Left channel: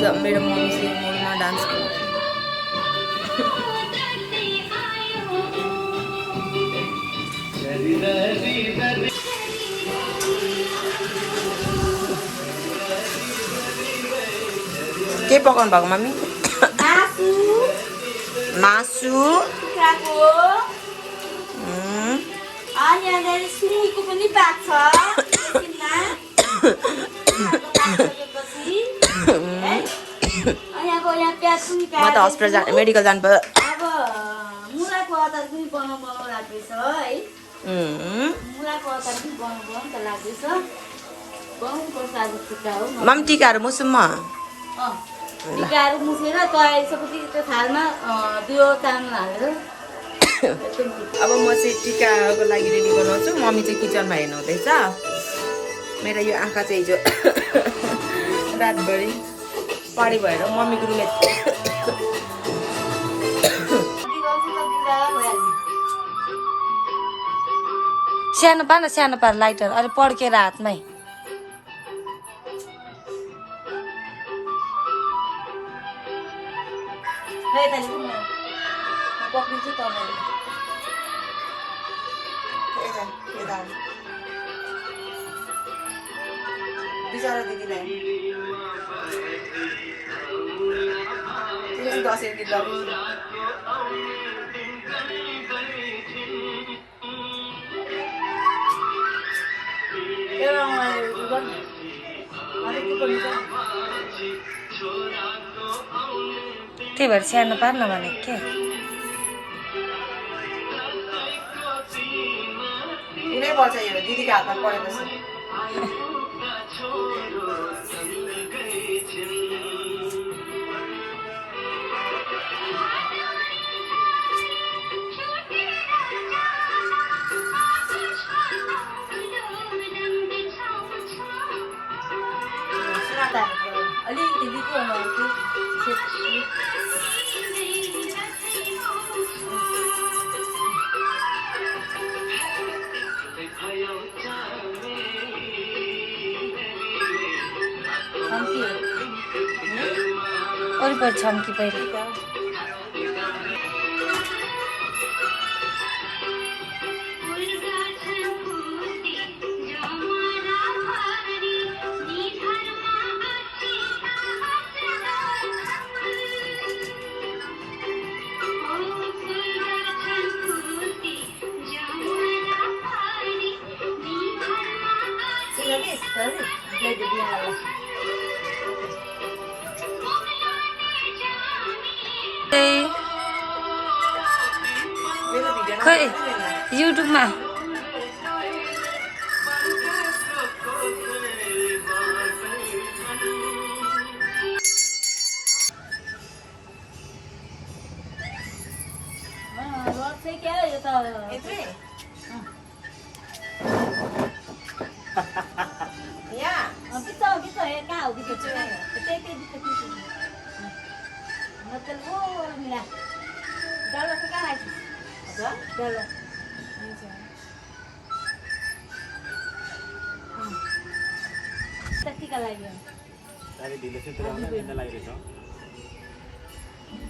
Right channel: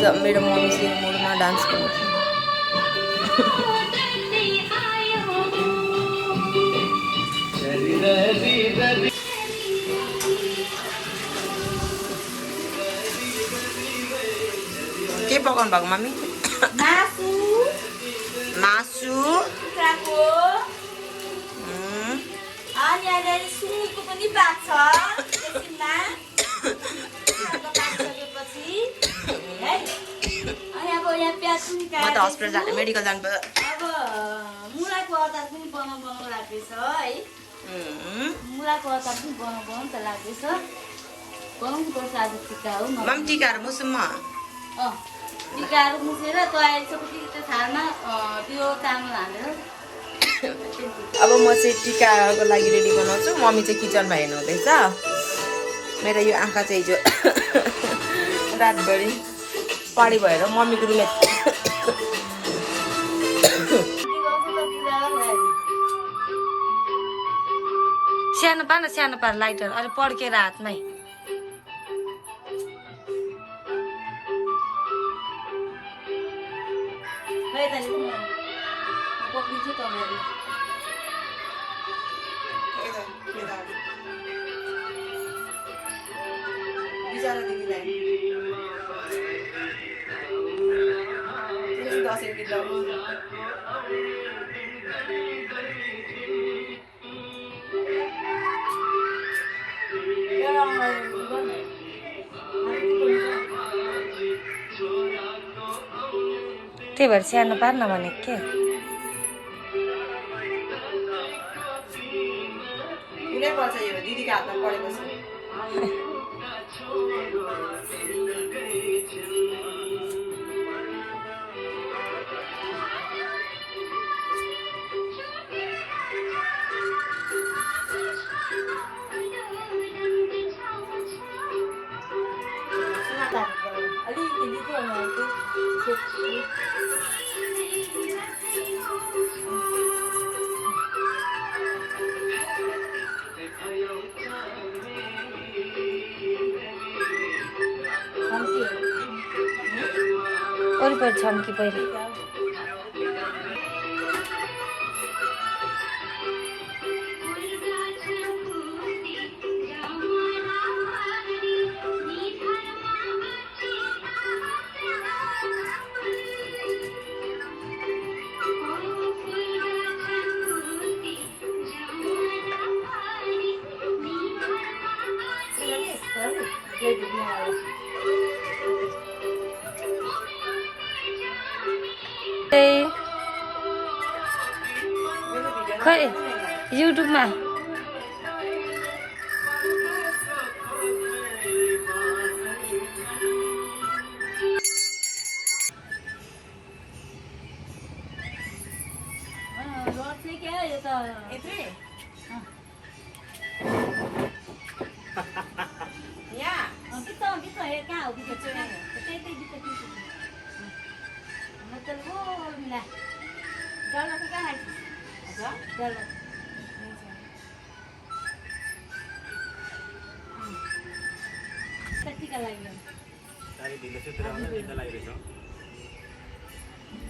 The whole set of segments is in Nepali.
आज मेरो मम्मी चाहिँ मुडमा डान्स गर्नु छ। के पकाउनु भएको मम्मी? मासु म त हस्पिटल मेडिकल जानु पर्यो। मुलाको अचार पनि बनाउनु लाग्दैछ है। मुलाको अचार पनि बनाउनु त लाग्दैछ। बनाउनु पर्छ आज टिका हो। मम्मी टिकाहरू मुसुम म। टिकाहरू मुसेर तयारिसकेपछि त्यो थालमा त्यो चामल हालेर अब म चाहिँ टिकाको लागि रेडी बनाउँछु। मम्मी चाहिँ किचनमा हेर्नु हुँदैछ। मेरो यो आँखा चाहिँ हिजो रातभरि पारी भएर मम्मीको रुममा सानो पार लाइटर अहिले पड्केर हातमै। पक्रिन्छु तपाईँले बिचरा दिदीलाई दसैँ गीत त्यही भएर सानो पार नभनेको के कुनै पर्छ यो दिदीको हातमा परेपछि। अलिकति लिएको वरिपरि छम्की पहिला खै युट्युबमा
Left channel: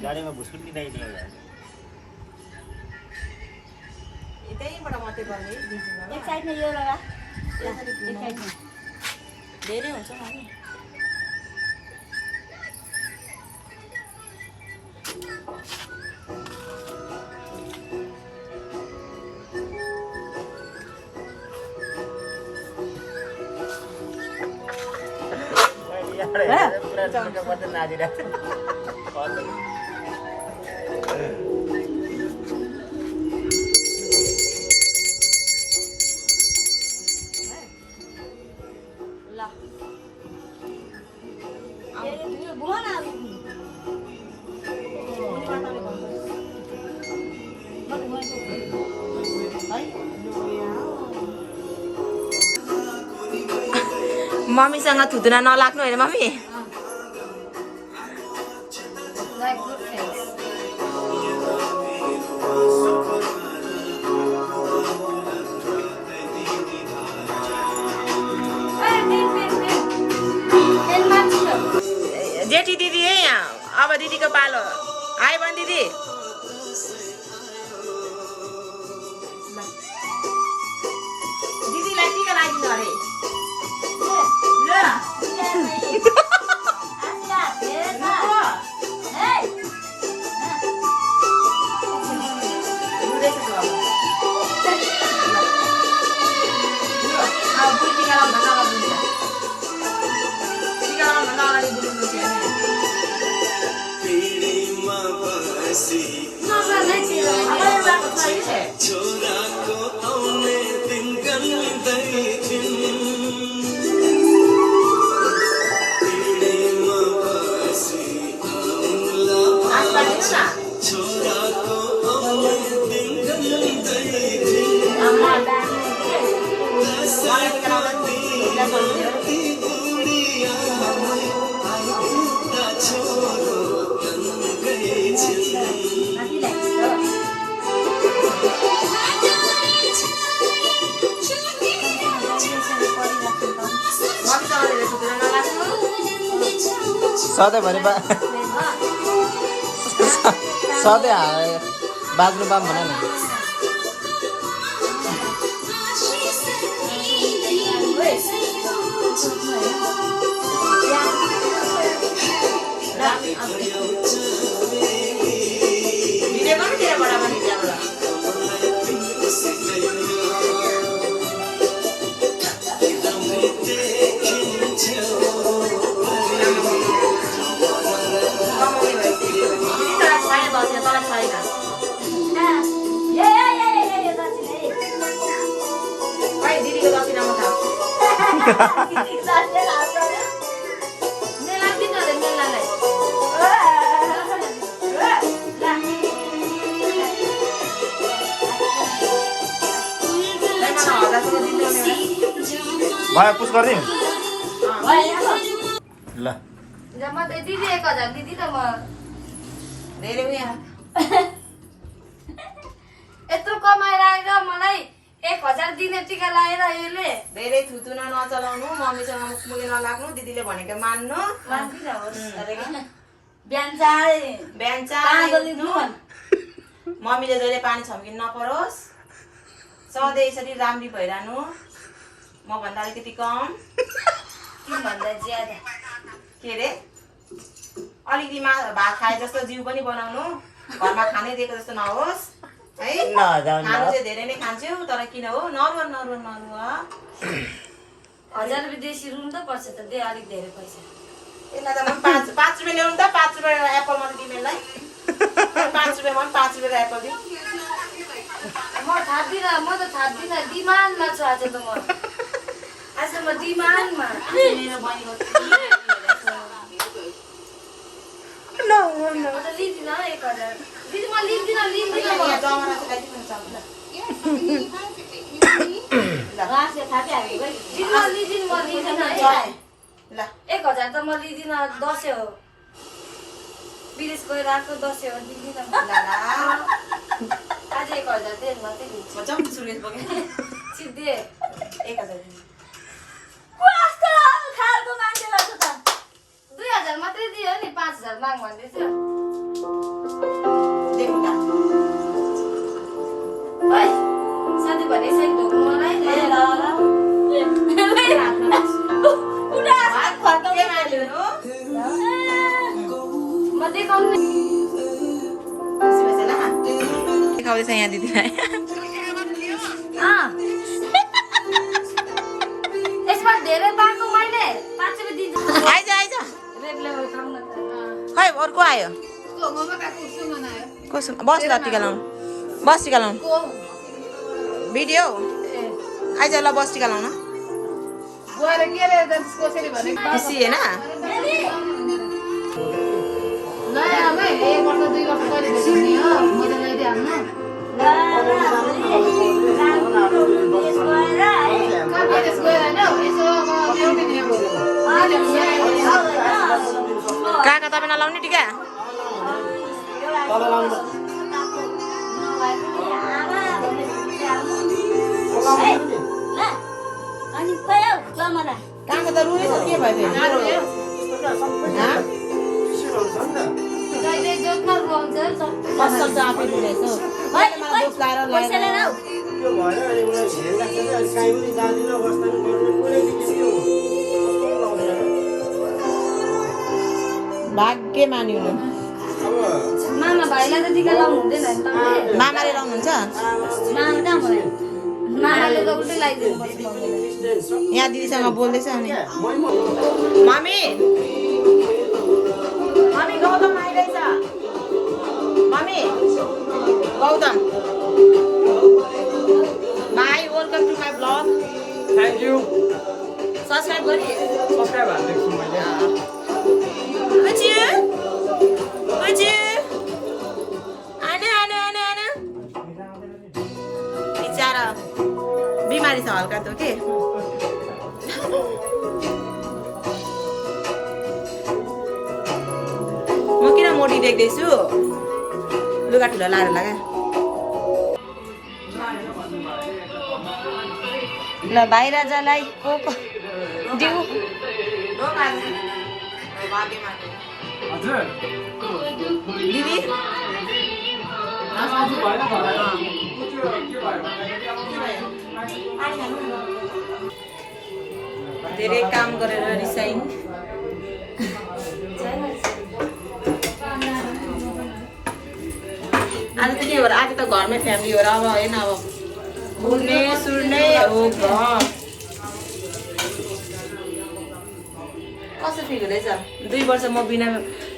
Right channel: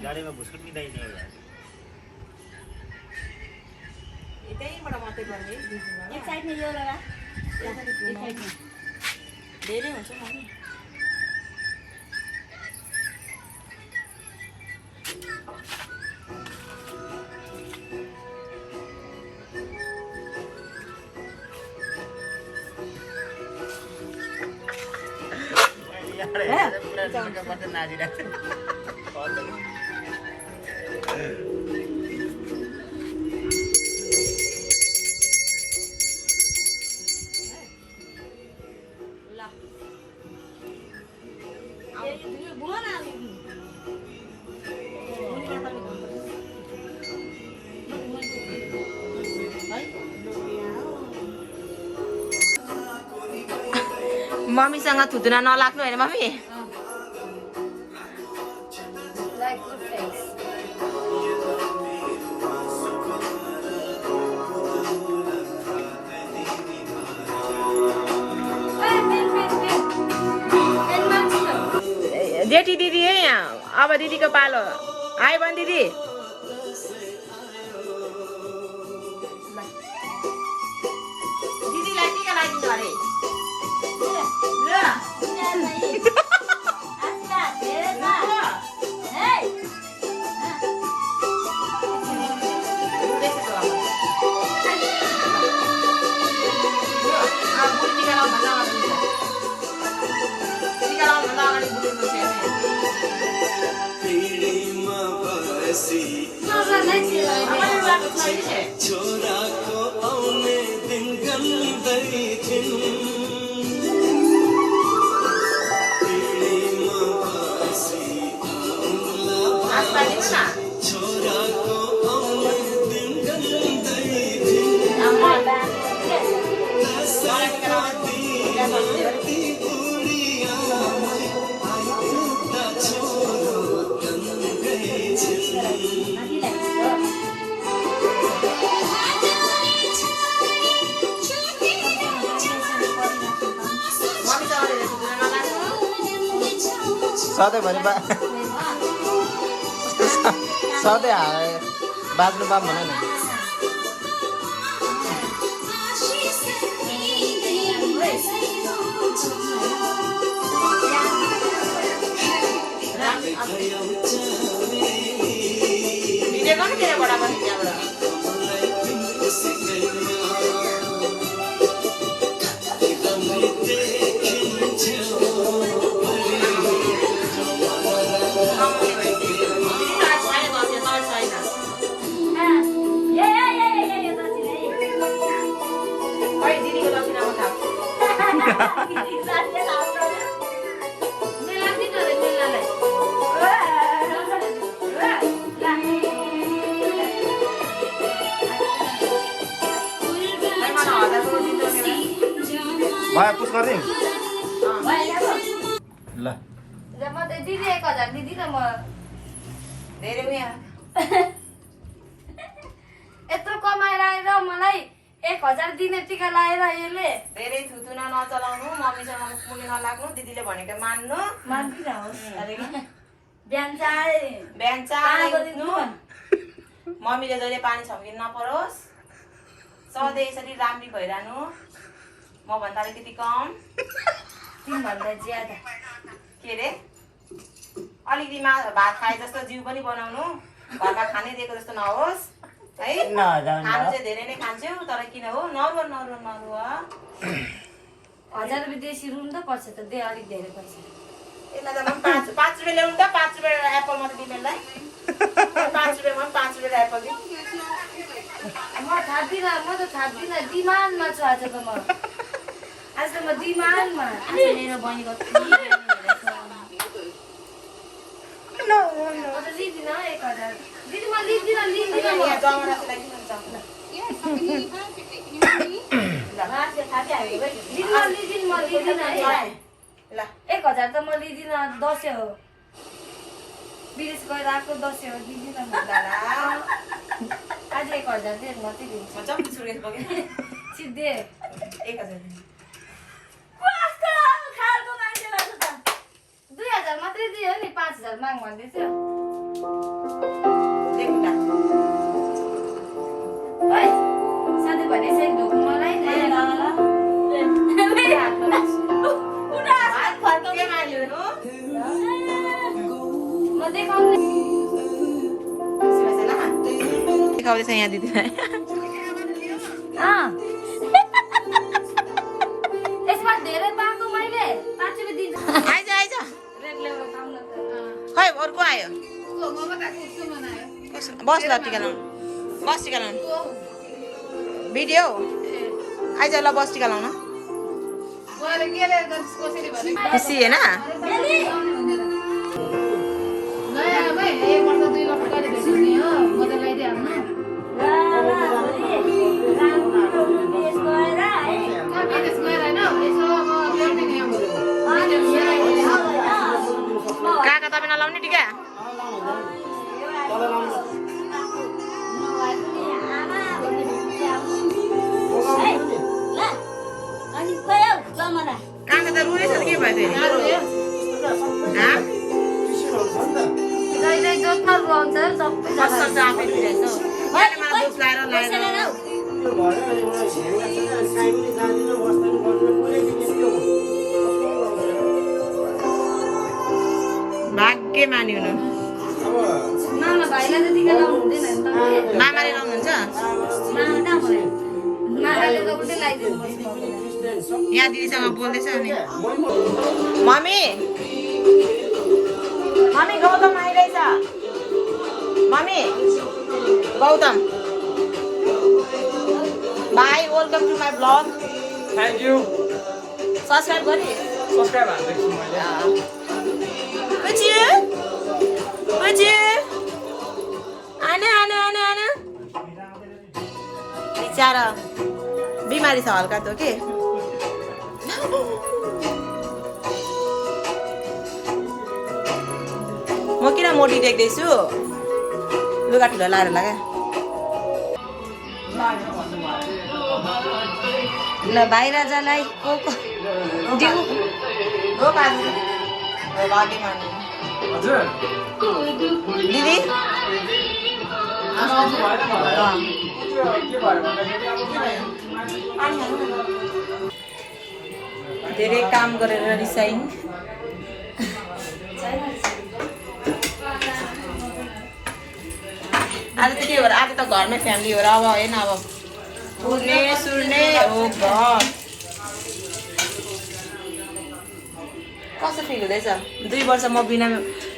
गाडीमा भुस्कुट किन्दाखेरि त्यहीँबाट मात्रै गर्ने एक साइडमा यो लगा धेरै हुन्छ मम्मी। मम्मीसँग थुतुना नलाग्नु होइन मम्मी। जेठी दिदी दिदीको पालो आयो भने दिदी दिदीलाई टिका लगाइदिनु अरे छोराको आउने दिन गन्दै पिँढीमा बसी छोराको आउने दिन गन्दै बुढिया छोरो गन्दै सधैँभरि सधैँ बाज्नु पाऊँ भन न भयो पुस गरिदिउँ ल दिदी 1000 दिदी त म धेरै उयो यत्रो कमाएर आएर मलाई 1000 दिने टिका लगाएर यसले धेरै थुतुना नचलाउनु मम्मीसँग मुख मुले नलाग्नु दिदीले भनेको मान्नु बिहान चाहे बिहान चाहनु मम्मीले जहिले पानी छम्किनु नपरोस् सधैँ यसरी राम्री भइरहनु म भन्दा अलिकति कम तिमीभन्दा ज्यादा के रे अलिकति भात खाए जस्तो जिउ पनि बनाउनु घरमा खाने दिएको जस्तो नहोस् है खानु चाहिँ धेरै नै खान्छु तर किन हो नरुवा 1000 रुपियाँ देशी रुनु त पर्छ त दे अलिक धेरै पैसा यसलाई त म 5 रुपियाँ ल्याउनु त 5 रुपियाँ एप्पल मात्रै दिमेलाई 5 रुपियाँमा 5 रुपियाँ एप्पल दि म त थाप्दिन डिमान्डमा छु आज त म डिमान्डमा मेरो बहिनीको लिँदिन 1000 दिदी म लिँदिन ल 1000 त म लिँदिन दसैँ हो विदेश गएर आएको दसैँ हो दिँदिन आज 1000 दे मात्रै दिन्छु म जम सुर्गेत बगे सिधै 1000 2000 मात्रै दियो नि 5000 माग भन्दैछ देखुटा ओइ साथी भने चाहिँ ढोक्नु मलाई हात फर्के माल्नु म देखाउने देखाउँदैछ यहाँ दिदीलाई यसमा धेरै पाएको मैले 5 रुपियाँ दिन्छु आइज खै अर्को आयो कसो बस ल टिका लाउनु बस टिका लाउनु भिडियो आइज ल बस टिका लाउन खुसी होइन काका तपाईँ नलाउने टिका काका त रुएछ त के भयो फेरि असल चाहिँ आफै रुइरहेछु मैले मलाई बुक लाएर पैसा लिएर आऊ। त्यो भएर अनि उनीहरू ध्यान लाग्छ नि अनि काहीँ पनि जाँदैन अवस्था पनि गर्दैन कुनै दिन यस्तो भाग्य मान्यो हुनु अब मामा भाइलाई त टिका लाउनु हुँदैन नि तपाईँले। मामाले लाउनुहुन्छ मामा कहाँ भयो? मामाले त उल्टै लगाइदिनु पर्छ। यहाँ दिदीसँग बोल्दैछ अनि मै मम्मी मम्मी गौतम आइरहेछ mummy Gautam bye welcome to my blog thank you subscribe गरी सब्सक्राइब हालिदिएको छु मैले बुझ्यो बुझ्यो आने आने आने आने बिचारा बिमारी छ हल्का त के म किन मोटी देख्दैछु लुगा ठुलो लाएर लगा ल भाइ राजालाई को दिउ हजुर दिदी धेरै काम गरेर रिसाइन आज त के भएर आज त घरमै फ्यामिली हो र अब होइन अब घुर्ने सुर्ने हो घर कस्तो फिल हुँदैछ 2 वर्ष म बिना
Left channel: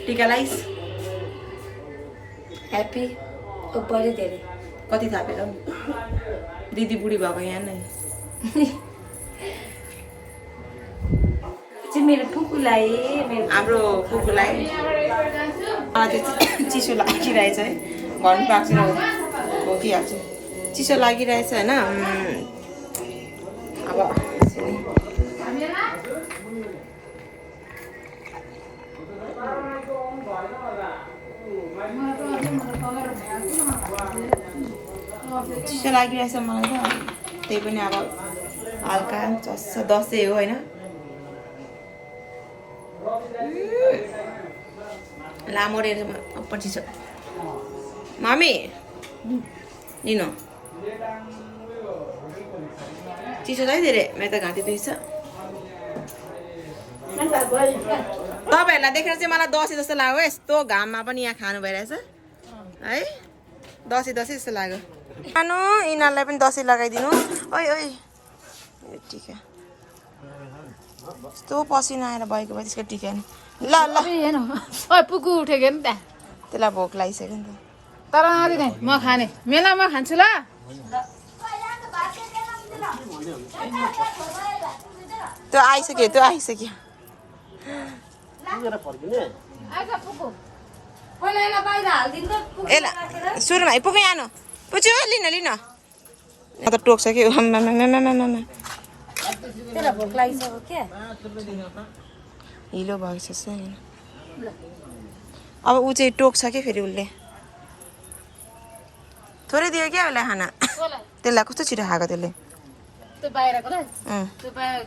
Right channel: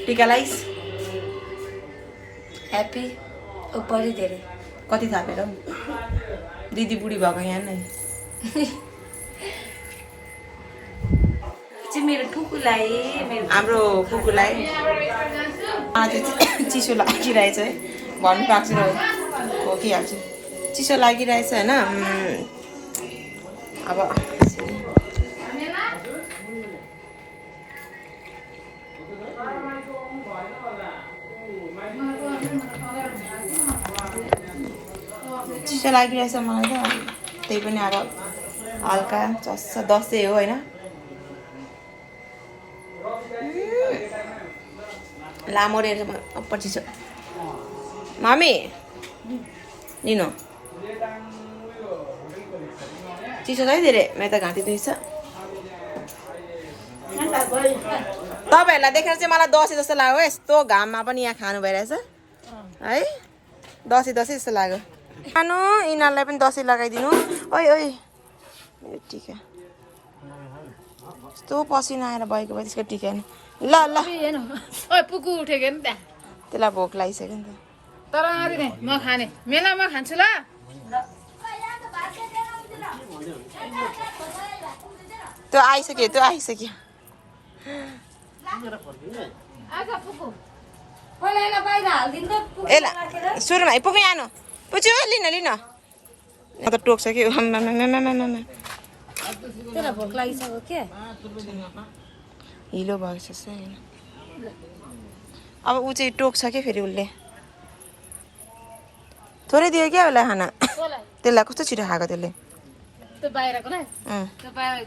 टिका लाइस ह्याप्पी बढी धेरै कति थापेर दिदी बुढी भएको यहाँ नै चाहिँ मेरो फुपूलाई मेरो हाम्रो कुकुरलाई मलाई चाहिँ चिसो लागिरहेछ है भन्नु पाएको छैन हो कि हाल्छु चिसो लागिरहेछ होइन अब यसरी। चिसो लागिरहेछ मलाई त त्यही पनि अब हल्का चस्छ दसैँ हो होइन लामो रहेछ पछि छ मम्मी लिनु चिसो छ है धेरै मेरो त घाँटी दुख्छ तपाईँहरूलाई देखेर चाहिँ मलाई दसैँ जस्तो लाग्यो यस्तो घाममा पनि यहाँ खानु भइरहेछ है दसैँ दसैँ जस्तो लाग्यो खानु यिनीहरूलाई पनि दसैँ लगाइदिनु ओइ ओइ टिका यस्तो पसिना आएर भएको भए त्यसको टिका नि ल ल पुगु उठेको नि त्यहाँ त्यसलाई भोक लागिसक्यो नि त तर अहिले म खाने मेलामा खान्छु ल त्यो आइसक्यो त्यो आइसक्यो आज पुगु पहिला यसलाई बाहिर हालिदिनु त ए ल सुरुमा पुगै आनु पुच्यो लिन लिन म त टोक्छ कि त्यसलाई भोक लागिसक्यो क्या हिलो भएको जस्तो होइन अब ऊ चाहिँ टोक्छ कि फेरि उसले थोरै दियो क्या उसलाई खाना त्यसलाई कस्तो छिटो खाएको त्यसले त्यो बाहिरकोलाई अँ त्यो बाहिर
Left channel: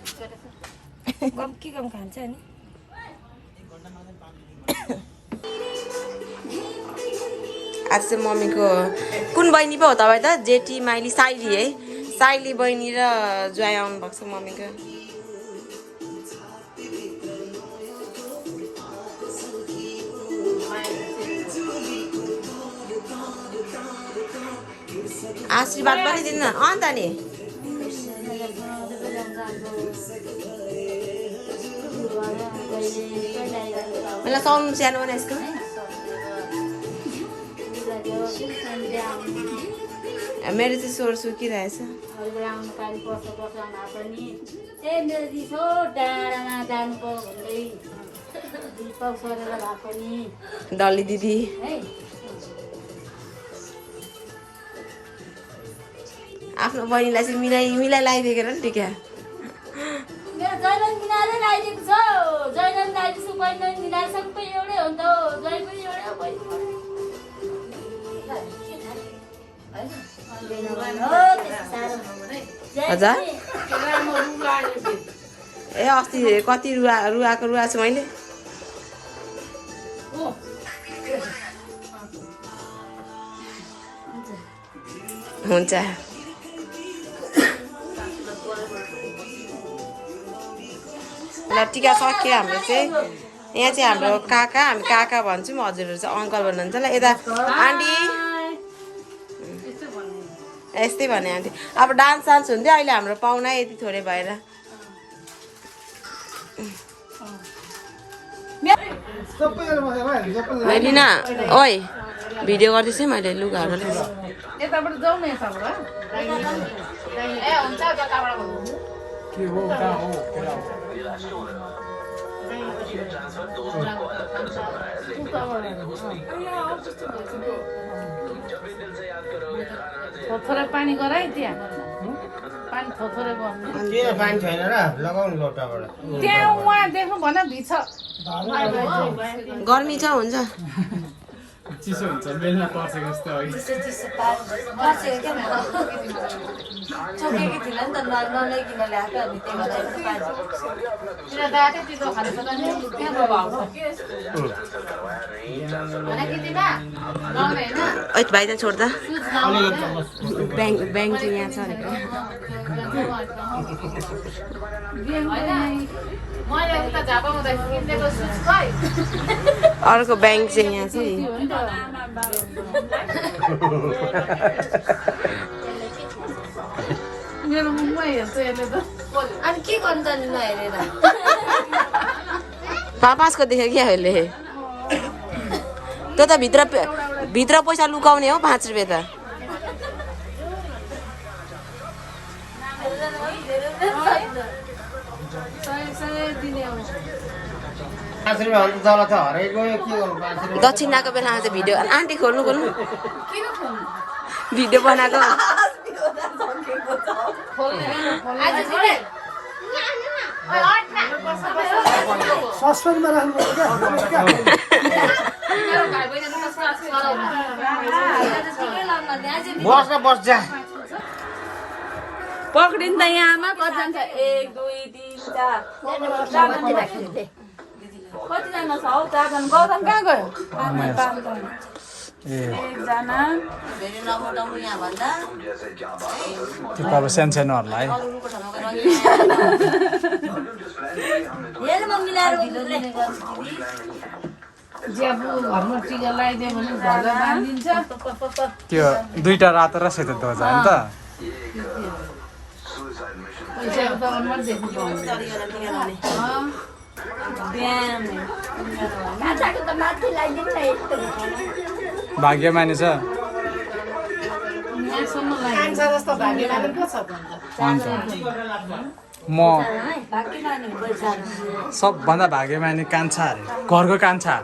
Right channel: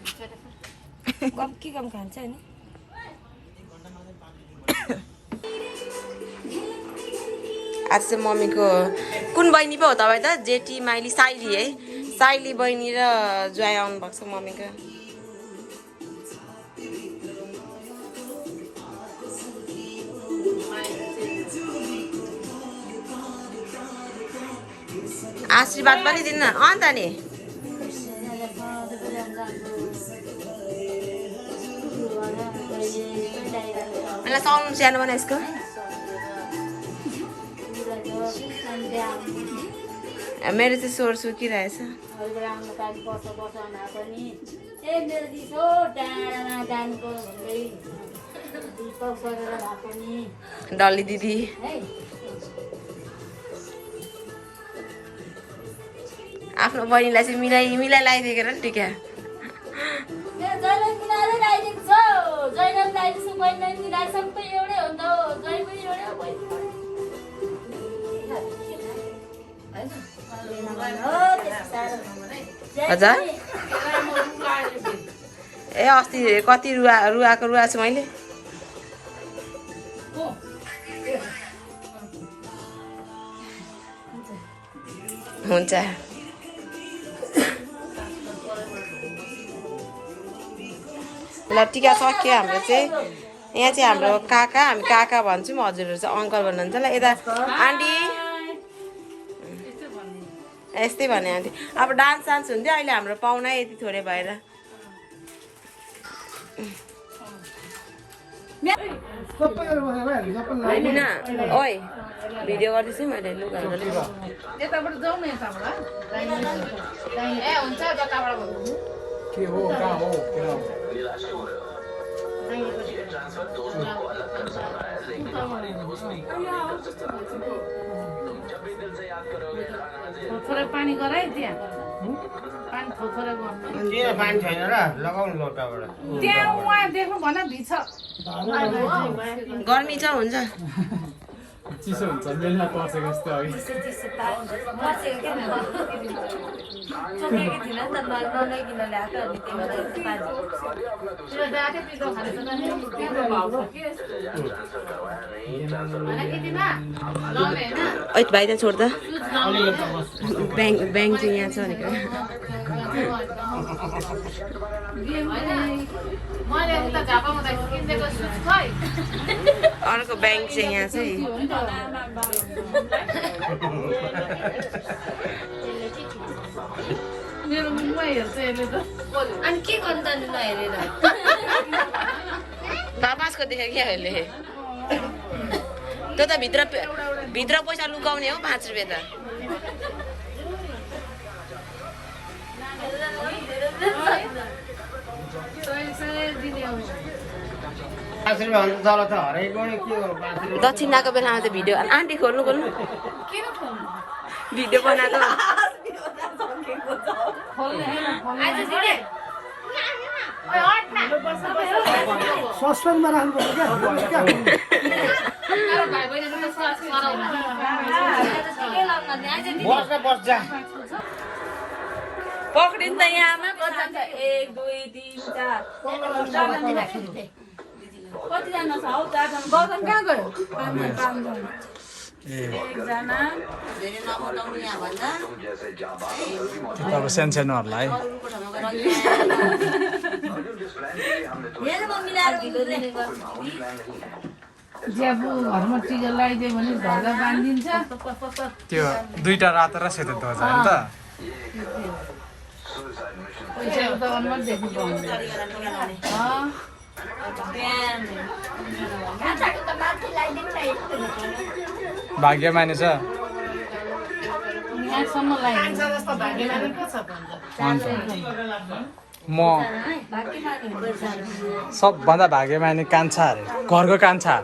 कम के कम खान्छ नि आज चाहिँ मम्मीको कुन बहिनी पो हो तपाईँ त जेठी माइली साइली है साइली बहिनी र ज्वाइँ आउनु भएको छ मम्मीको आशीर्वाद पनि दिन्न अन्त नि मलाई साउन्ड सानो बना यसको मेरो चाहिँ स्वर सुकिरहेछ डल्ली दिदी आफ्नो बहिनीलाई चाहिँ मिलाइ लगाइदिएको नि टिका हजुर ए अस्ति कति रुवाएको छु मैले हुन्छ ल टिका सक्यो हाम्रो चाहिँ यहाँ चाहिँ हाम्रो काका हामी काका भन्छौँ हजुरहरू चाहिँ अङ्कल भन्नुहुन्छ ल यता आन्टी यस्तै भने आन्टी अब डान्स सान्स हुन्थ्यो अहिले हाम्रो पाहुना यति थोरै भएर लिना ओइ भिडियो गर्दैछु है मैले लुगाहरू यताबाट जाउँ न यताबाट ए हुन्छ जताबाट थोरै पानी गराइ त्यहाँ पानी थोरै गर्नु किन पानी छैन र लगाउनु लोटाबाट त्यहाँ उहाँ देख्नु भन भिछ गर्मी छ हुन्छ चिसो हुन्छ बेलना पर्सेको जस्तो अघि ओइ भाइ त छोड्दा ब्याङ्क चाहिँ यहाँ छ भनेको मैले उता झापामा किनेको सुज खै अर्को ब्याङ्क चाहिँ यहाँ छ मेरो मुखमा हेर्छ यसले त अनि के गर्नु त नि नहेरेर पापासको देख्यो क्या अहिले त्यो त भित्र पैसा लुकाउने हो 5 रुपियाँ त दक्षिणाको बेलामा चाहिँ भिडियो आन्टी खोल्नु भिडियो बनाएको सस्पेन्डमा राख्नुपर्छ क्या बस जा पक्रिन्छ यहाँमा 1 2 3 4 कतिजना छ हौ 4 जना गौतम कहाँ गयो त्यो अब सानसानोहरूलाई ज्याबु घरमा टिका लगाइदियो भने ध्वजा बाँधिदिन्छ त्यो 2टा रातो र सेतो ध्वजा हो नि त पैसा त अनुमान देख्नु पाउँदैन भाग्यमानी छ यहाँसम्म लाग्छ जस्तो भाग्यमानी पो छ अन्त म सबभन्दा भाग्यमानी कान्छा अरे घरको कान्छा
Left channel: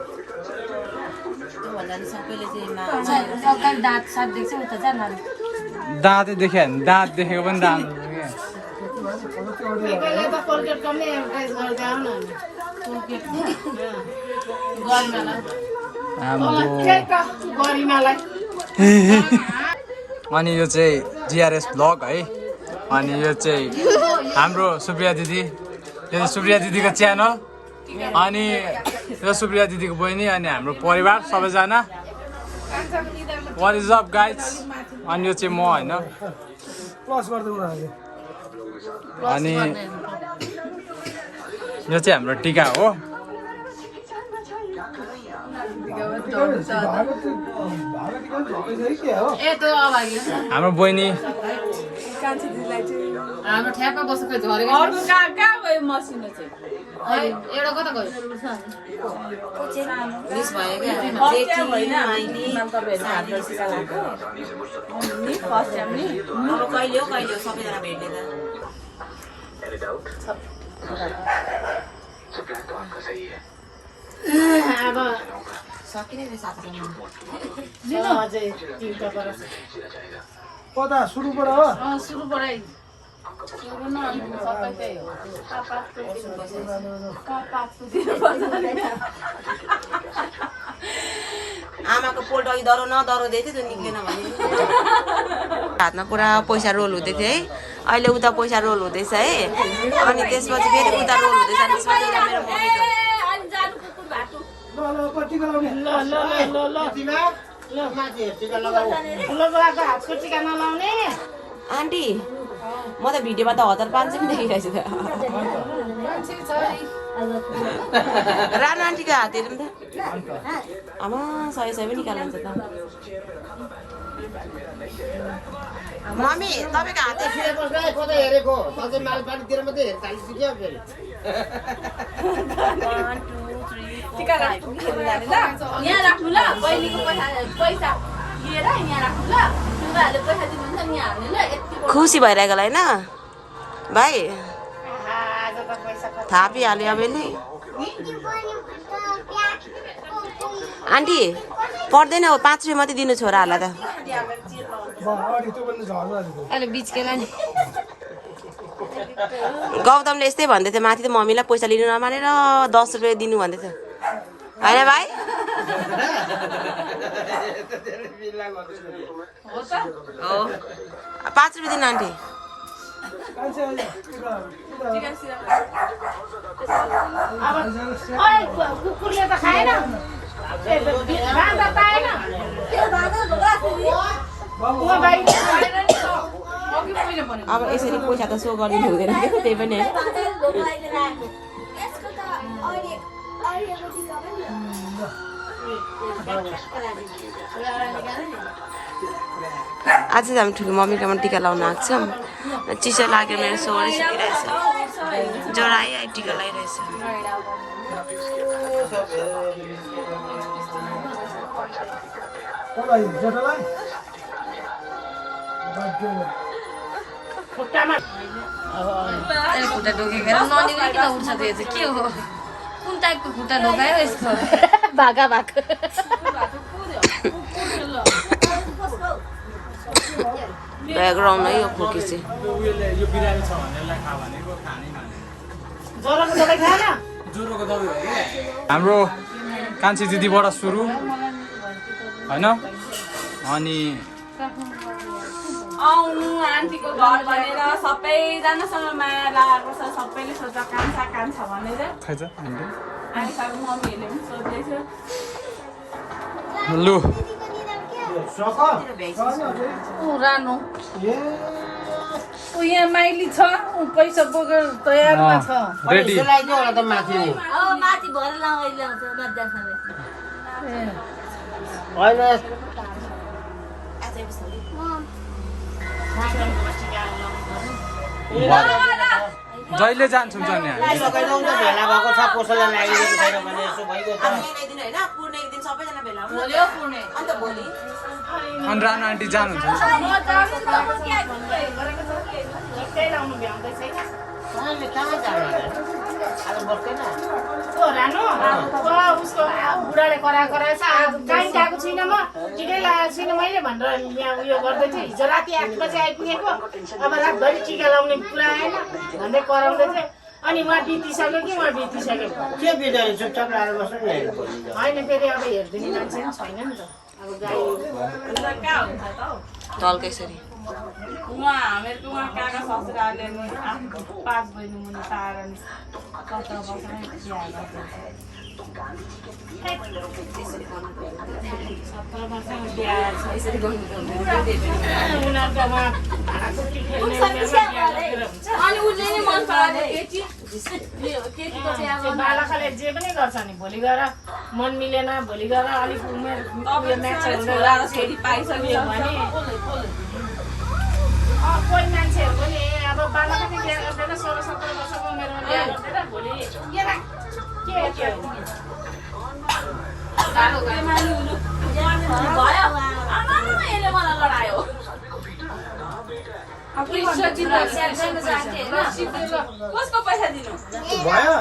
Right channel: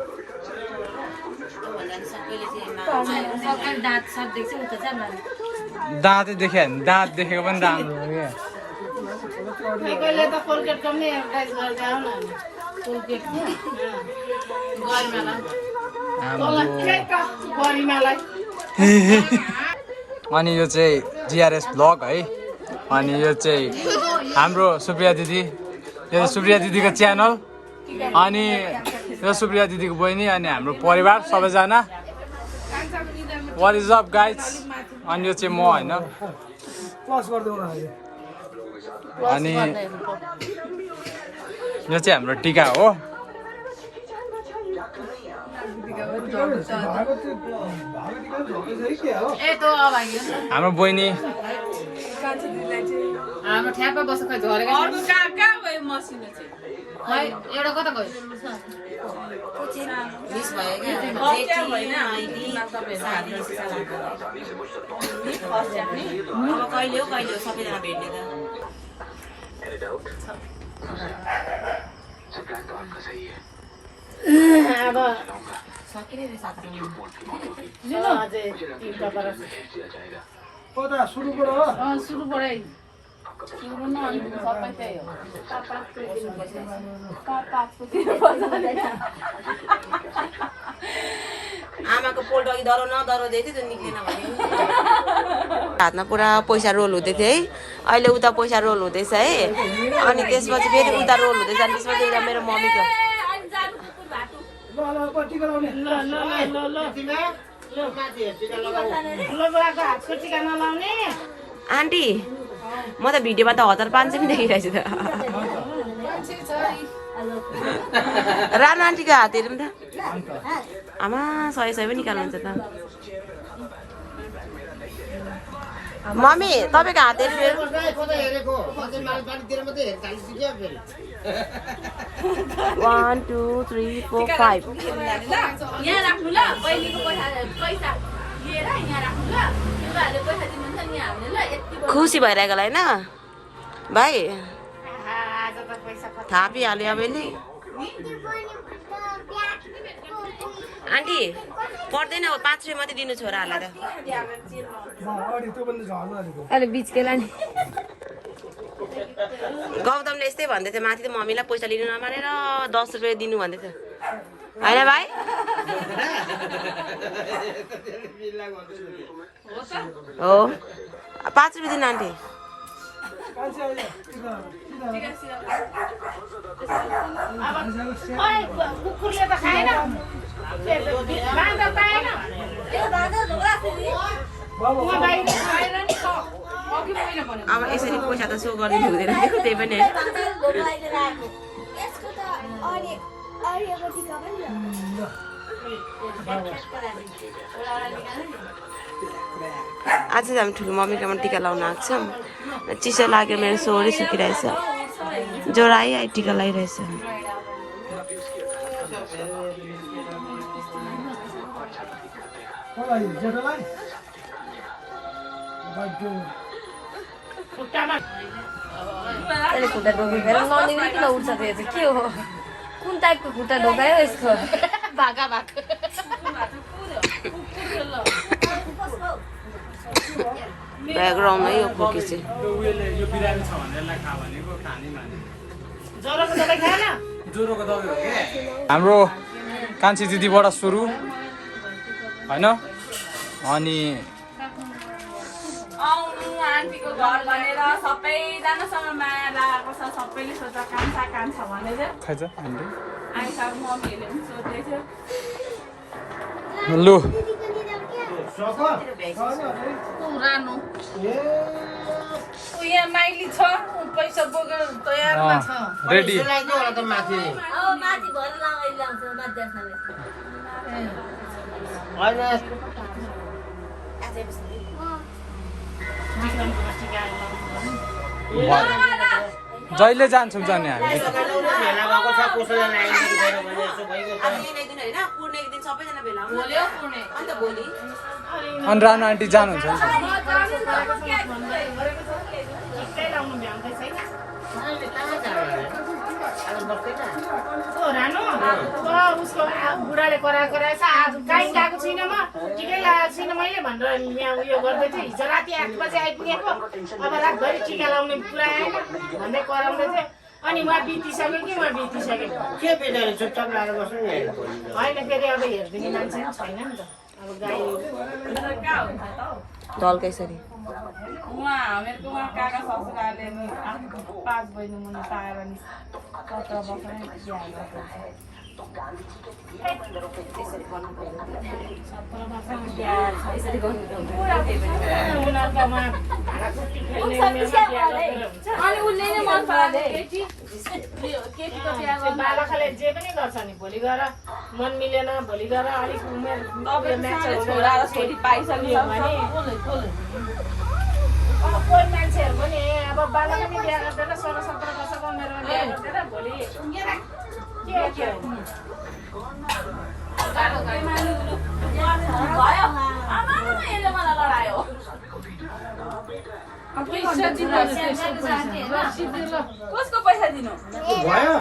दाँतै देख्यो भने दाँत देखेको पनि राम्रो हो क्या कहिले त कोलगेटको पनि एडभर्टाइज गर्दै आउन कोलगेट गरिमालाई अनि यो चाहिँ जिआरएस ब्लग है अनि यो चाहिँ हाम्रो सुप्रिया दिदी यो चाहिँ सुप्रिया दिदीको च्यानल अनि यो सुप्रिया दिदीको बहिनी अनि हाम्रो परिवार सबैजना वाट इज अप गाइज अनि यो चाहिँ म होइन अनि यो चाहिँ हाम्रो टिका हो हाम्रो बहिनी हाम्रो ठ्याप्पा बस्छ खै झरेको अर्को कहाँ गयो मसिनो चाहिँ खै एउटा कता गयो मिस भयो क्या जेठी होइन अहिले साथी अब कहिले हो सबैजना भेट्ने त अब सकिने रहेछ लिनु अझै 3टा बरस कता सुरुबाट हो सुरुबाटै सुरु न अनि सबै त्यही हो आमाको पोल्ट अघि डरो दिएको थियो त्यो निक्लेन भने हातमा पुरा पैसा रोल हुँदै थियो है अहिले उता पैसा रोल हुँदैछ है अनि त्यसपछि फेरि उता रोल हुँदैछ अनि त्यसपछि उता मेरो मम्मीको माथि टिका लगाऊ ठुलो बुवाको हातको टिका नलाउने आन्टी म त भिडियोमा त 1500 पनि देखिरहेछु त रानो आन्टीको हात हेरौँ त आमा 100 पनि निकाल्नुहुन्छ त मम्मी तपाईँको हात हेर्नु कता हेरेको सधैँ मालपानीतिर मात्रै हेर्छ क्या फेरि 1 2 3 4 5 यहाँ राख्नु ल पहिलेको पैसा लिएर यहाँ राख्नु ल बुवाहरूले पैसा दिनुहुन्छ नि हामीले ल यति खुसी भइरहेको होला होइन भाइ आज त पैसा थापिहाल्यो अब यसले आन्टी पर्दैन हो 5 रुपियाँ मात्रै दिनु छोराहरूलाई त अहिले बिचकेलाई नि गौतमले यस्तै भन्दै थियो माथि त मम्मीलाई पैसा लिनु नमानेर 10 रुपियाँ दिनु भन्दै थियो होइन भाइ हो 5 रुपियाँ दिनु आन्टी कुकुरले त खाएन अब यसरी पैसा त सो गरिदिनु हुँदैन त्यही पनि आज चाहिँ हामी ठुलो मम्मीकोमा टिका लाउन आएको छौँ चिसो लाग्यो मेरो सोरै सुकिरहेछ ज्वरो आयो टिका लगाइरहेछ खुट्टा ढोकेर ननिले किन उठ्छ त्यो चाहिँ के हो कुन टाइपको खुट्टा ढोकायो यस्तो भागा भाग ब्याकग्राउन्ड है यो खोकी चाहिँ हाम्रो कान्छी दिदीबाट सुरु होइन अनि आउनु आन्टीको घर भनेर सबैजनासँग माया लागेको छ सबैले सोध्छ कान्छा कान्छा भनेर खाइछ हामीले आइसक्यो मम्मीहरूले पनि सोध्दैछ लु पुरानो यहाँ माइली छ पैसा बोकेर तयारमा छ रेडी त माथि अब माथि भएर ल्याउँछ मजाले जहिले जान्छौँ जाने हामी भेला भएको छ कसैलाई लागेको छैन भने यसो भइगयो अनि रानो आन्टी जानुहुन्छ नि लाउनु भ्याउँदै छैन रानो उसको बुढाले कराएछ कहीँ गएको छुइनँ म टिकै लगाएको छुइनँ मैले भनेर यहाँ उयो गर्दै थियो हिजो राति 8 बजे आइपुगेको अब रातभरि टिका लाउने पुरा आएन भन्दै कराउँदै थियो अनि उहाँ बितिसक्यो कि उहाँ बितिसक्यो के बिचारी चुपचाप लाएर बस्नु नि होइन फेरि अब हेरिदिने मान्छे पनि छैन नि त अब गाई कहाँ हुन्छ त हौ तल्कै यसरी उहाँ हामीहरूको उहाँ काका ससुराले नि 5 बहिनी मुनि पाएर नि 17 वर्षमै बिहा अनि उसले नै मन परायो केटीको चाहिँ अब बालकले जे पनि गर्छ नि भोलि गएर मन मिलेन भोलि गएर अलिक उमेर छोरा र छोरी पाइसक्यो भने कोही मान्छेहरू पनि अब बालक पनि बिहा गर्दैन 16-17 वर्षको उमेरमा बिहा गर्दैन भोलि के भयो आमा यसले मलाई लडायो कसको पैसा दिनु भयो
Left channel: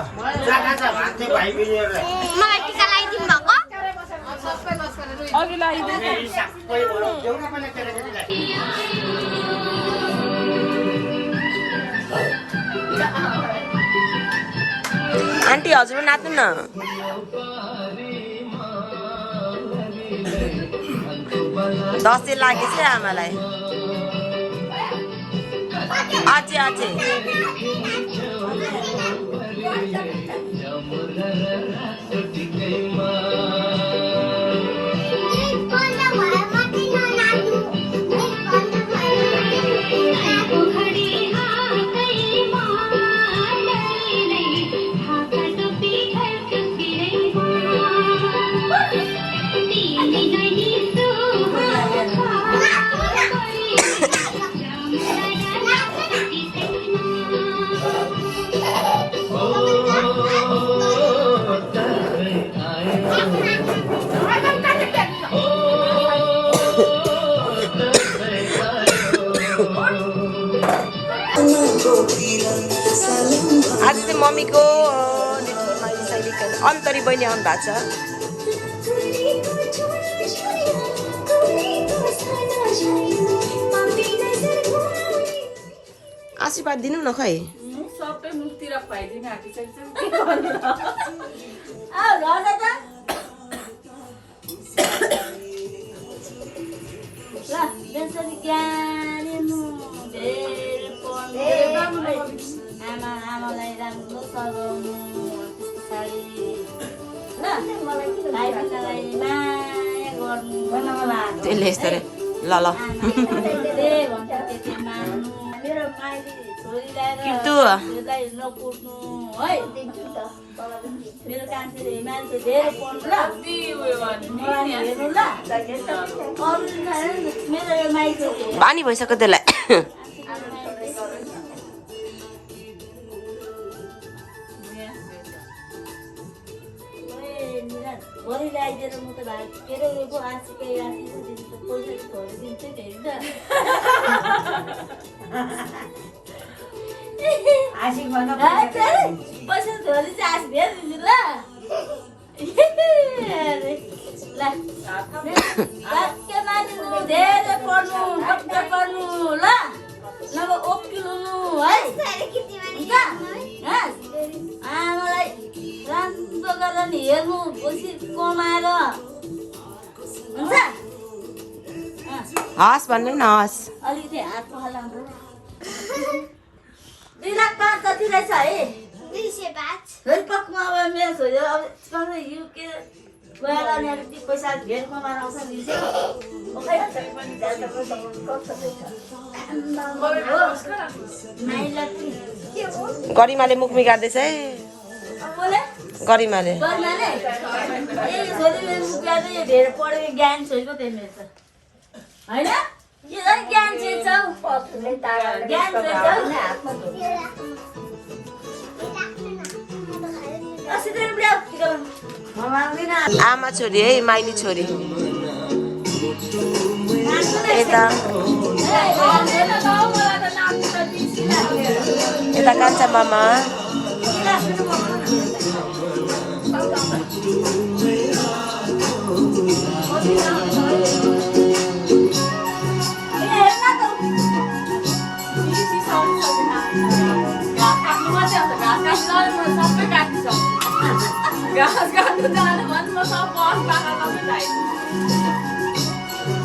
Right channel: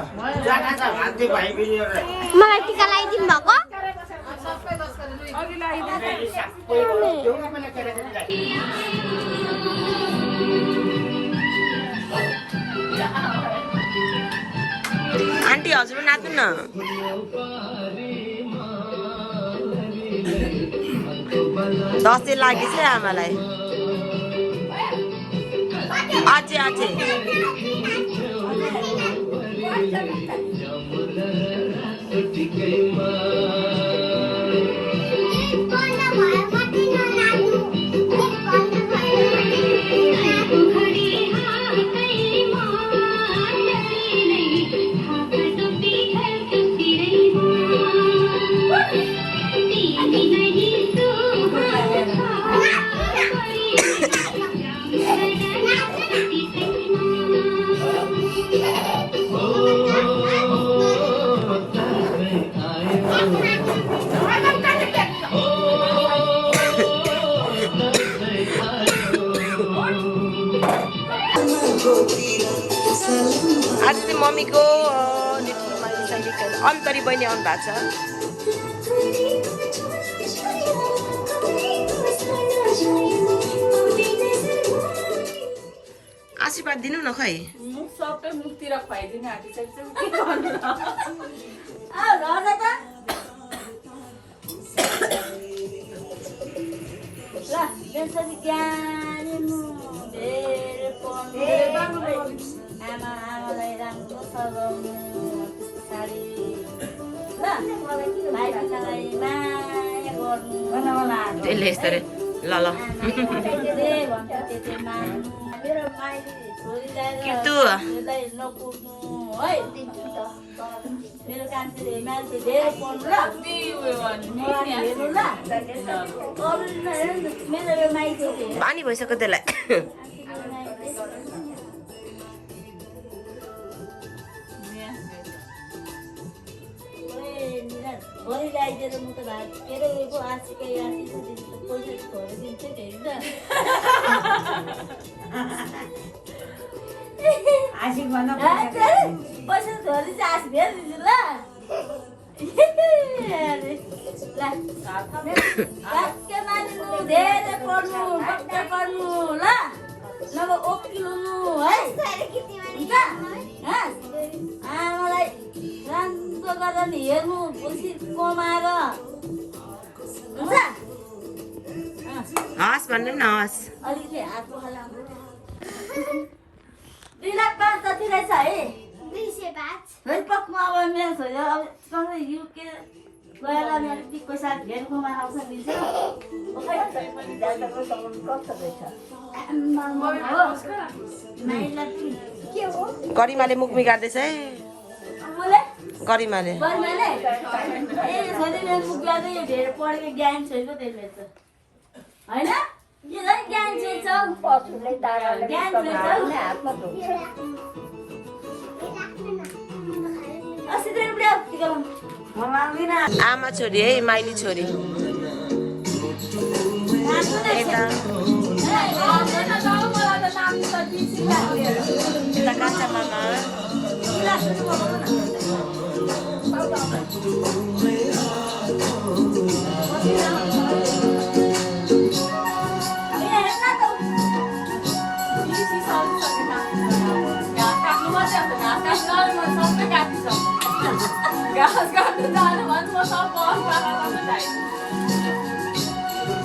भान्थे भाइ बिनीहरूलाई मलाई टिका लगाइदिनु भएको अघि आन्टी हजुर नाच्नु न दसैँ लागेछ आमालाई अझै अझै मम्मीको माइली साइली अन्तरी बहिनी आउनु भएको छ। आशीर्वाद दिनु न खै। सबै मुखतिर खुवाइदिने आँटिसकेको छ के गर्नु र ल त्यसरी ज्ञानी धेरै पढ्नु आमालाई राम्रो सघाउनु त्यस्तो साडी ल भाइ बहिनीलाई माया गर्नु त्यसले यस्तो रे ल ल भन्छ त्यति मान्नु मेरो माइली छोरीलाई नकुट्नु है मेरो कान्छीले मान्छे धेरै पढ्नु ल मलाई हेर्नु ल मेरो यो माइली बानी भइसक्यो त्यसलाई। भरि ल्याइदिएर म त भात के अरे उयो आँसीकै आँसी पैसा छोडेर दिन्छु नि पैसा छोडी चाहिँ आँसी धेरै दिन्छु ल के मानिनु धेरै पढ्नु बच्चा पढ्नु ल नभए ओकिलो है आमालाई राम्रो गरेर हेर्नु पछि कमाएर हुन्छ हस् भन्नु न हस्। अलिकति हात पखाला 2,05,000 जति रहेछ है 205 फेरि पक्मा अब मेरो छोरी अब यु के गएर अनि अलिकति पैसा धेर कमाएर आउँछ गरिमाले मुख बिगार्दैछ है। गरिमाले धेरै पढेको ज्ञान छोरीको त्यसले होइन के झन् ज्ञान आमा छोरी है माइली छोरी यता कान्छा मामा घाँस काट्नु जानु भन्नु म सब बस बाख्रामा जान्छु